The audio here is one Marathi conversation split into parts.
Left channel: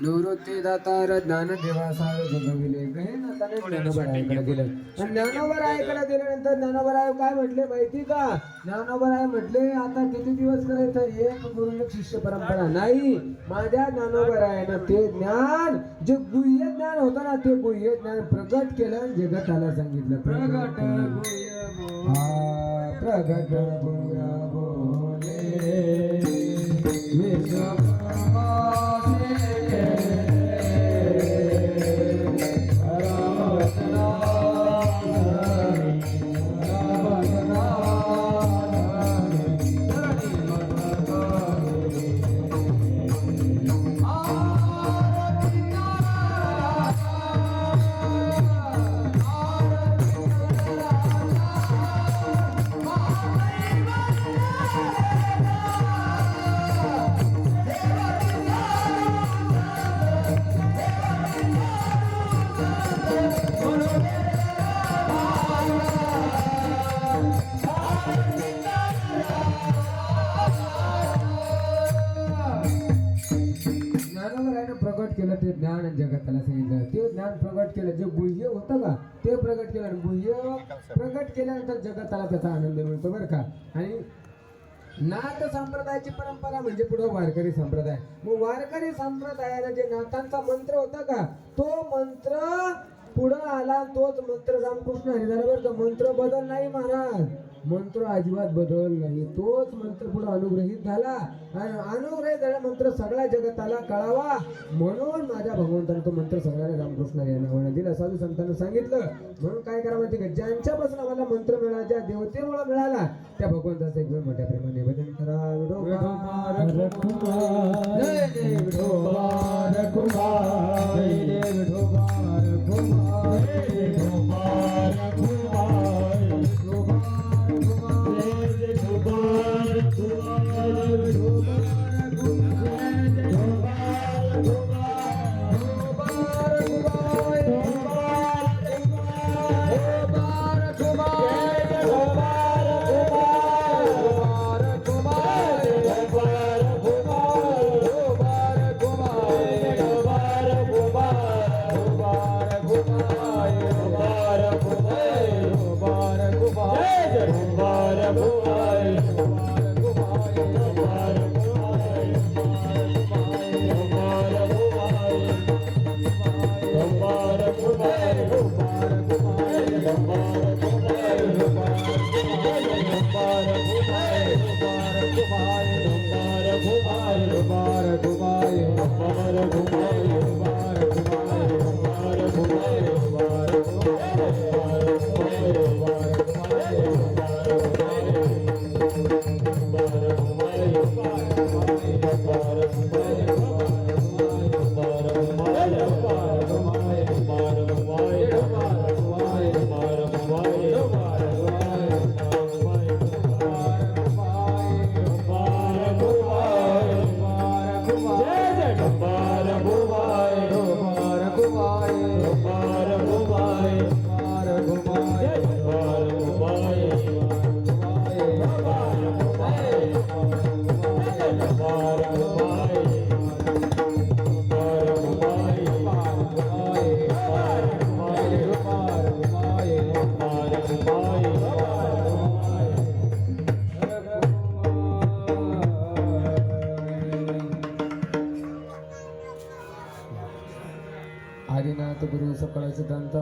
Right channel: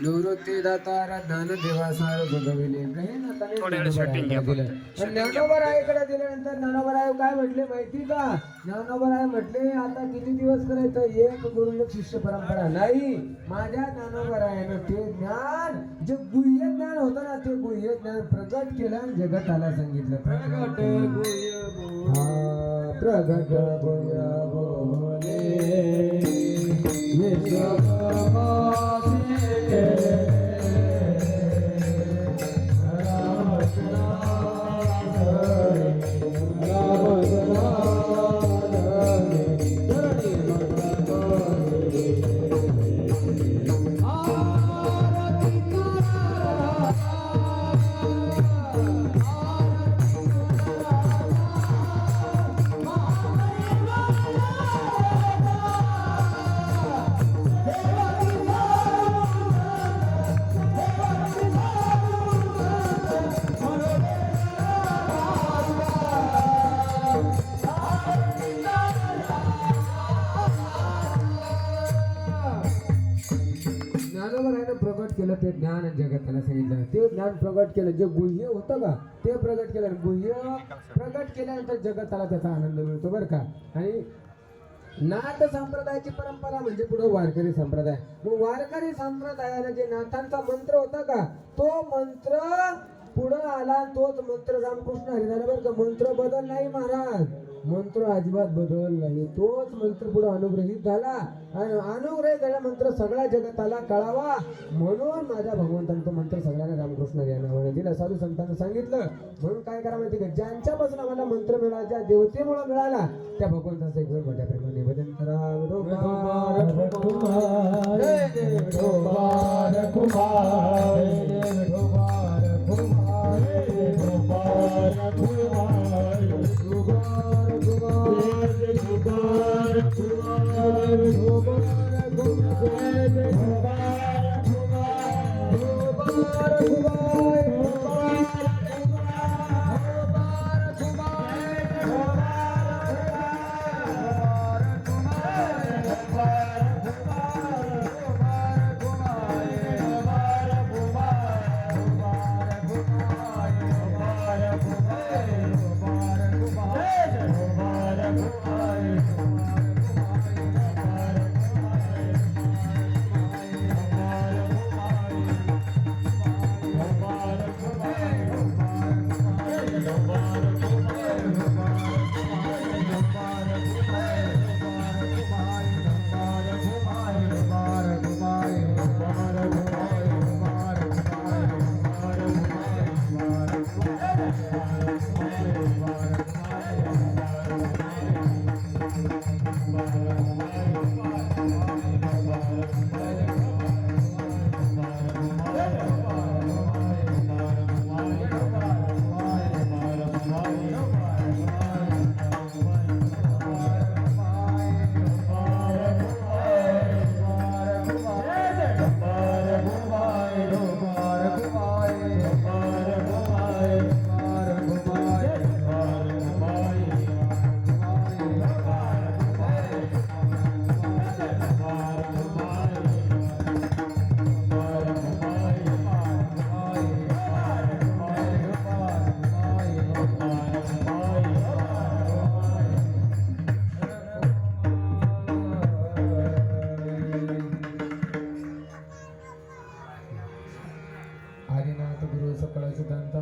निवृत्ती दातार ज्ञानदेवा सार जगविले ज्ञानोबरायकडे दिल्यानंतर ज्ञानोबराय काय म्हटले माहिती का? ज्ञानोबराय म्हटले आता किती दिवस करायचं? एक गुरु एक शिष्य परंपरा नाही. माझ्या ज्ञानोबरायानं ते ज्ञान जे गुह्य ज्ञान होतं ना ते गुह्य ज्ञान प्रगट केलं, जगताला सांगितलं. प्रगट गुह्य प्रगट गुह्य बोले प्रगट केलं ते ज्ञान जगताला सांगितलं. ते ज्ञान प्रगट केलं, जे गुह्य होतं का ते प्रगट केलं. गुह्य प्रगट केल्यानंतर जगताला त्याचा आनंद मिळतो बरं का. आणि नाथ संप्रदायाची परंपरा म्हणजे पुढे वारकरी संप्रदाय. मग वारकरी संप्रदायाला जे नाथांचा मंत्र होता का तो मंत्र पुढं आला. तोच मंत्र रामकृष्ण हरिदास बरं का. मंत्र बदल नाही महाराज, मंत्र अजिबात बदल नाही. तोच मंत्र पुढे अनुग्रहित झाला आणि अनुग्रहित झाला मंत्र सगळ्या जगताला कळावा म्हणून माझ्या भगवंताने तो मंत्र सगळ्यांना रामकृष्ण यांना दिला. साधू संतांना सांगितलं. म्हणून काय करा माहिती का, ज्यांच्यापासून आम्हाला मंत्र मिळाला, ज्या देवतेमुळे मिळाला त्या भगवंताचा एक वेळ मोठ्या प्रेमाने निवेदन करा.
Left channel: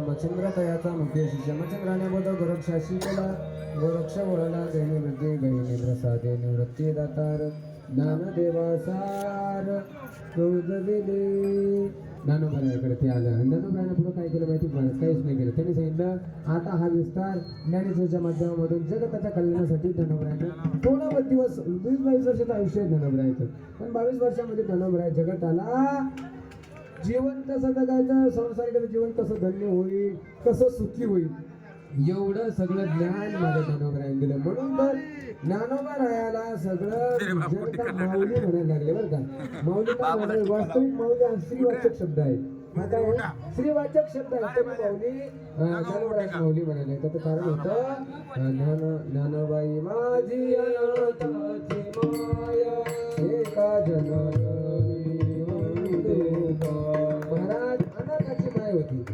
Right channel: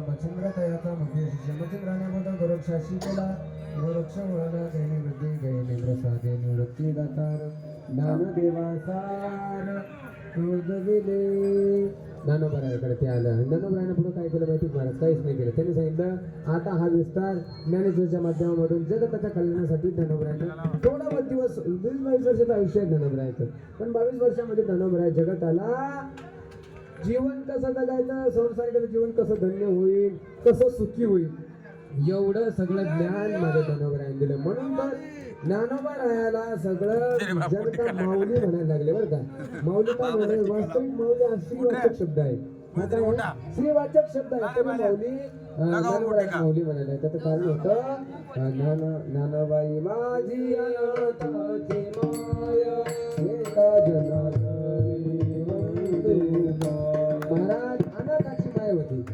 मच्छिंद्र तयाचा मुख्य शिष्य मच्छिंद्राने बद गोरक्षाशी केला. गोरक्ष वळला गैने वृद्धी गैने प्रसादे निवृत्ती दातार ज्ञानदेवा सार क्रोध दिले ज्ञानोबरायाकडे ते आलं आणि ज्ञानोबरायानं पुढे काय केलं माहिती महाराज काहीच नाही केलं. त्यांनी सांगितलं आता हा विस्तार ज्ञानेश्वरच्या माध्यमामधून जगताच्या कल्याणासाठी ज्ञानोबरायाने थोडा बहुत दिवस 20-22 वर्षाचं आयुष्य आहे ज्ञानोबरायाचं, पण 22 वर्षामध्ये ज्ञानोबराया जगताला जीवन कसं जगायचं, संसारिक जीवन कसं धन्य होईल, कसं सुखी होईल एवढं सगळं ज्ञान माझ्या ज्ञानोबरायाने दिलं. म्हणून तर ज्ञानोबरायाला सगळं जनता माऊली म्हणायला लागले बरं का. माऊली काय म्हणाले? वास्तविक माऊली हा श्रीवाचक शब्द आहे. श्रीवाचक शब्द आहे तरी ज्ञानोबरायाला माऊली म्हणाले. त्याचं कारण होतं ज्ञानबाई माझी अनाथाची माया एका जनारी महाराज अनाथाची माय होती.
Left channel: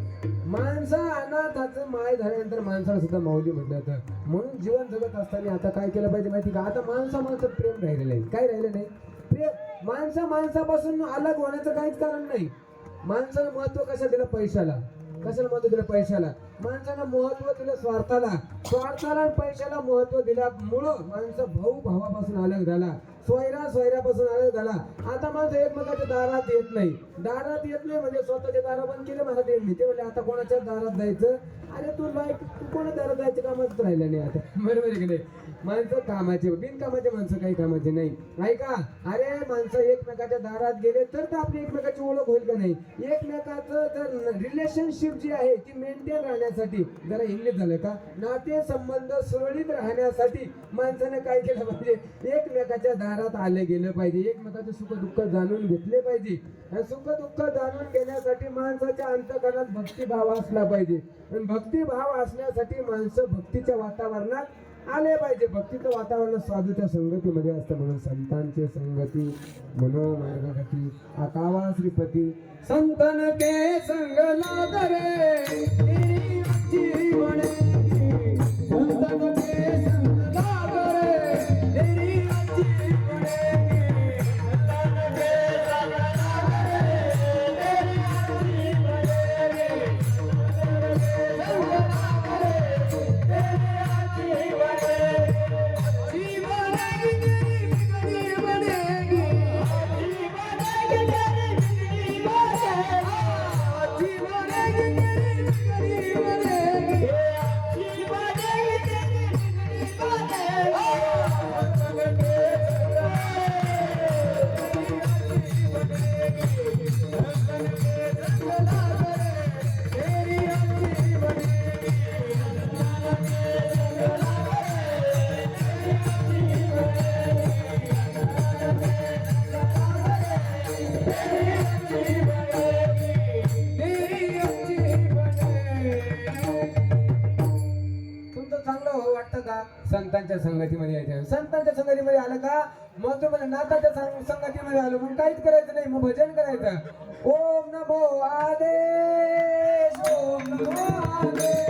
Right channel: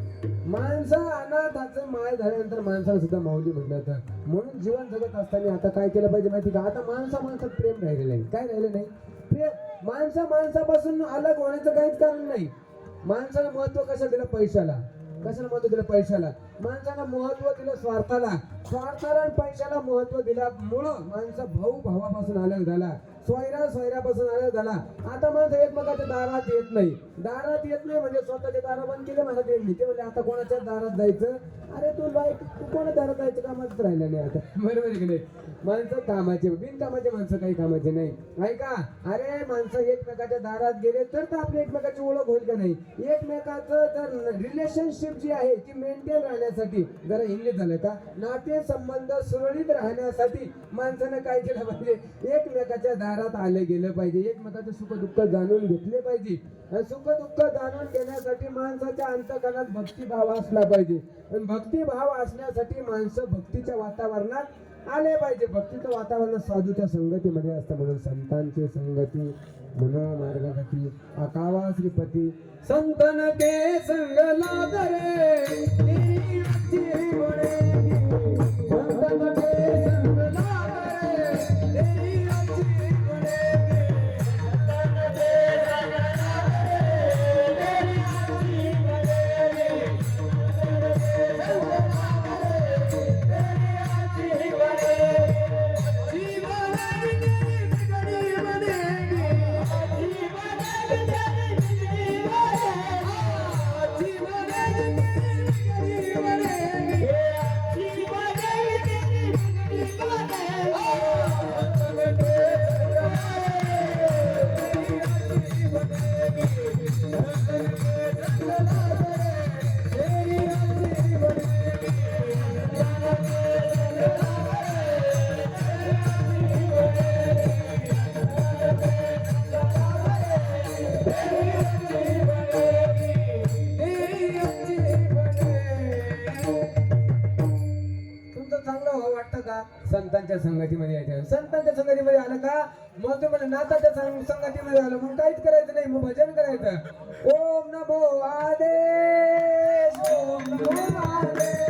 माणसा अनाथाचं माय झाल्यानंतर माणसाला सुद्धा माऊली म्हटलं होतं. म्हणून जीवन जगत असताना आता काय केलं पाहिजे माहिती का? आता माणसात प्रेम राहिलेलं नाही. काय राहिलं नाही? प्रेम. माणसापासून अलग होण्याचं काहीच कारण नाही. माणसाला महत्व कसं दिलं? पैशाला. कशाला महत्व दिलं? पैशाला. माणसाला महत्व दिलं स्वार्थाला आणि पैशाला महत्व दिल्यामुळं माणसं भावापासून अलग झाला, सोयऱ्यापासून अलग झाला. आता माणसं एकमेकाच्या दारात येत नाही. दारात येत नाही म्हणजे स्वतःचे दारा बंद केले, मला येत नाही. ते म्हणले आता कोणाच्या दारात जायचं? अरे तू कोणा दारात जायचं कामाच राहिलं नाही आता. बरोबर आहे की नाही? माणसं कामाचे, बिनकामाचे माणसं काही कामाचे नाही. ऐका, अरे माणसं एकमेकाच्या दारात गेले तर आपली एकमेकाची ओळख होईल का नाही? एकमेकाचं जर रिलेशनशिप जी आहे ती मेंटेन राहण्यासाठी, जरा इंग्लिश झालं का, नाते संबंध सुरळीत राहण्यासाठी माणसानं काय केलं पाहिजे? एकमेकाच्या दारात आलं गेलं पाहिजे. एकमेकाचे सुख दुःख जाणून घेतले पाहिजे. सुख दुःख जाणून घेण्यासाठी माणसाच्या अंतःकरणात भक्तिभाव असला पाहिजे. आणि भक्तिभाव असण्यासाठी माणसं भक्तीच्या वातावरणात आले पाहिजे. भक्तीचं वातावरण साधूच्या संगतीमध्ये असतं. म्हणून संतांची संगती म्हणून मार्गगती आकावा श्रीपती संतन के संग लागरे तेरी म्हणेगी संतन के संग लागरे तेरी संतांच्या संगतीमध्ये यायचं. संतांच्या संगतीमध्ये आलं का मग तुम्हाला नाथाच्या संगतीमध्ये आलं मग काहीच करायचं नाही, मग भजन करायचं. ओम नमो आदेश ओम नमो आदेश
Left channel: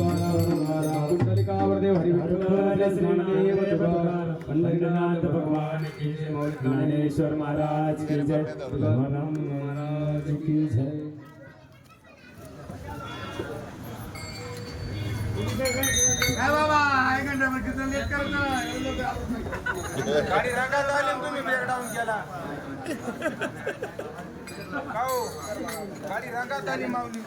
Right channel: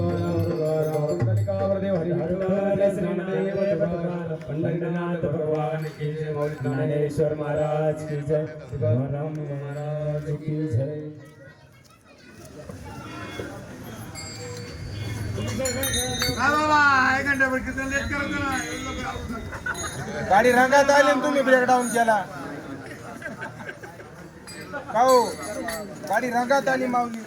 तुकाराम कुंडलिकावरदेव हरी विठ्ठल ज्ञानदेव तुकाराम पंढरीनाथ भगवान की जय मौली ज्ञानेश्वर महाराज की जय तुकाराम महाराज की जय गाडी रंगात आली आणि तुम्ही ब्रेकडाऊन केला गाडी रंगात आली माऊली